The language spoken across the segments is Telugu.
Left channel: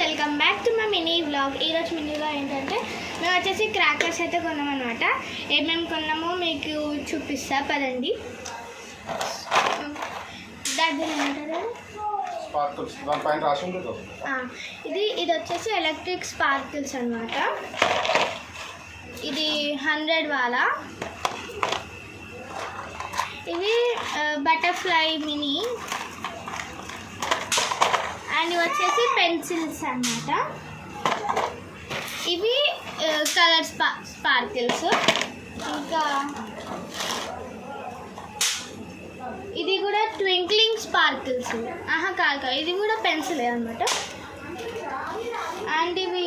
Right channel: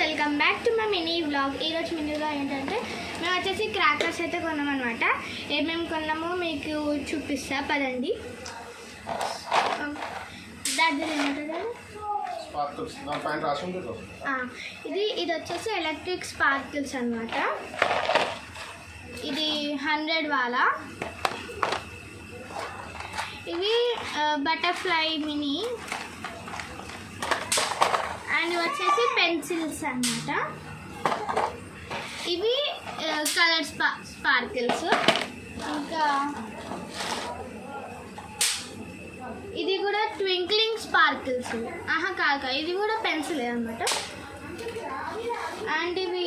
Welcome back to my mini vlog. ఈరోజు మినీలో ఏంటంటే మేము వచ్చేసి క్రాకర్స్ అయితే కొన్నాం అనమాట. ఏమేమి కొన్నామో మీకు చూపిస్తా పదండి. దగ్గర ఏమంటారు ఇది వచ్చేసి ఎలక్ట్రిక్ స్పార్కిల్స్ అనమాట. ఇది 100 వాలా. ఇవి బటర్ఫ్లై మినీ అండ్ వచ్చేసి పెన్సిల్స్ అన్నమాట. ఇవి కలర్ స్పార్కిల్స్. ఇంకా ఇది కూడా ట్వింక్లింగ్ స్పార్కిల్స్. కాదు, ఇది కూడా పెన్సిల్ అన్నమాట. అండ్ ఇవి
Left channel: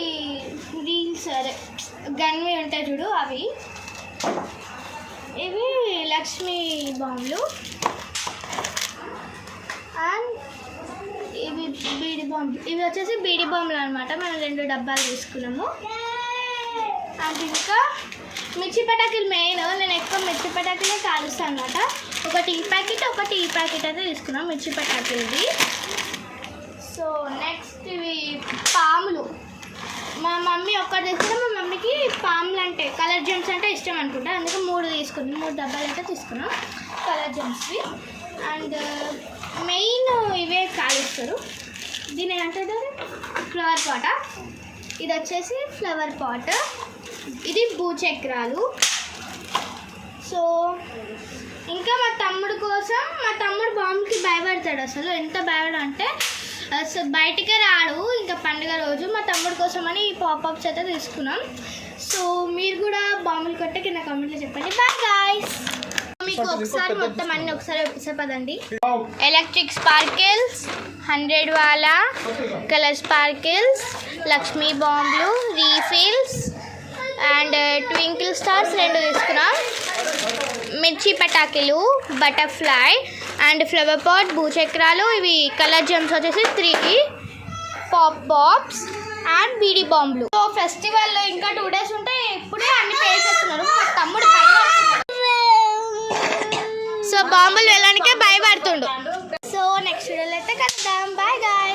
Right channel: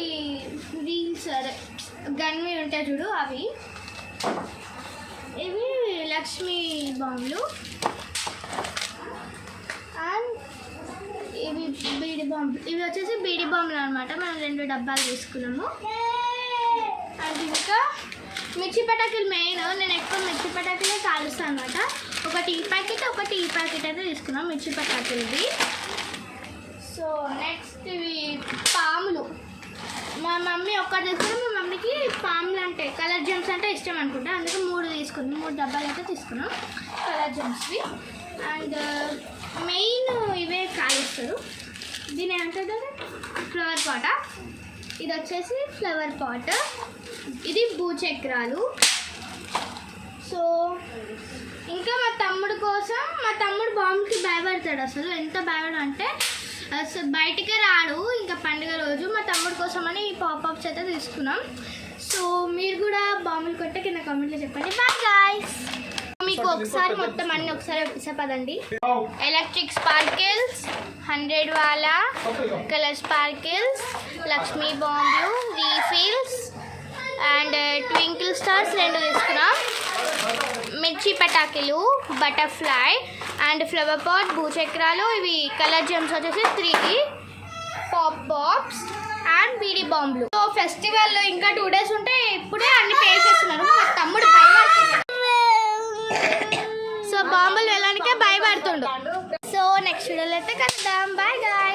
వీల్స్ గన్వి ఉంటాయి చూడు అవి. ఇవి లక్ష్మీ బాంబులు. అండ్ ఇవి బీడి బాంబు. ఇవి వచ్చేసి బీడి బాంబులు అనమాట. మనం 2 డబ్బాలు తీసుకున్నాము. అండ్ ఇంకా మిర్చి పటాకులు మెయిన్. నేను ఎక్కువ మిర్చి పటాకులే కాలుస్తాను అనమాట. ఒక టీ ప్యాకెట్ అయితే తీసుకున్నాం మిర్చి పటాకులది. సో నెక్స్ట్ ఇవి పాములు. మా మమ్మీ ఒక్కటి తీసుకున్నాం. మా మమ్మీకి పాములు అంటే కలర్ జెమ్స్ అంటే ఇష్టం అనుకుంటా. అందుకే 3 తీసుకున్నాం. 3 డబ్బాలు అయితే తీసుకున్నాం కలర్ జెమ్స్వి. అండ్ మెయిన్ ఇవే కాలుస్తారు. దీని ఏమంటారు? ఫ్లవర్ పాట. ఇది వచ్చేసి ఫ్లవర్ పాట్. ఇది భూచక్రాలు. సో ఇంకా మా తమ్ముడు కోసం, మా తమ్ముడు బాంబుకి భయపడతాడు. అసలు ఎంత భయపడ అంటే అసలు బయటికే రాడు. ఇంకా పండుగ రోజు మా తమ్ముడు కోసం అని ఈ పాపప్స్ అయితే తీసుకున్నాం. సో మీరు కూడా బాంబులు కొట్టే కింద కామెంట్లో చెప్పండి. Bye guys. మీకు ఒకసారి మొత్తం అన్ని ఒకసారి ఒప్పిస్తా పదండి. ఎలక్ట్రిక్ స్పార్కిల్స్, 100 వాలా, కలర్ స్పార్కిల్స్, లక్ష్మీ బాంబులు, రీఫిల్స్ అండ్ ట్వింకిల్ స్టార్స్ 2 తీసుకున్నాం. మిర్చి పటాకులు, బటర్ఫ్లై అండ్ ఫ్లవర్ పాట్, భూచక్రాలు. ఇవి కలర్ జెమ్స్ వచ్చేసి 3 పాప్స్ అండ్ బీడి బాంబులు. సో ఫెస్టివల్లో ఇంకా 2 డేస్ ఉంటే ఇప్పుడే అన్ని పే చేస్తున్నారు. మా తమ్ముడు భయపడుతున్నాడు. సో బాంబులు వెళ్ళడానికే భయపడుతుండు. సో నెక్స్ట్ వీడియోలో అయితే కలుద్దాం. Bye guy.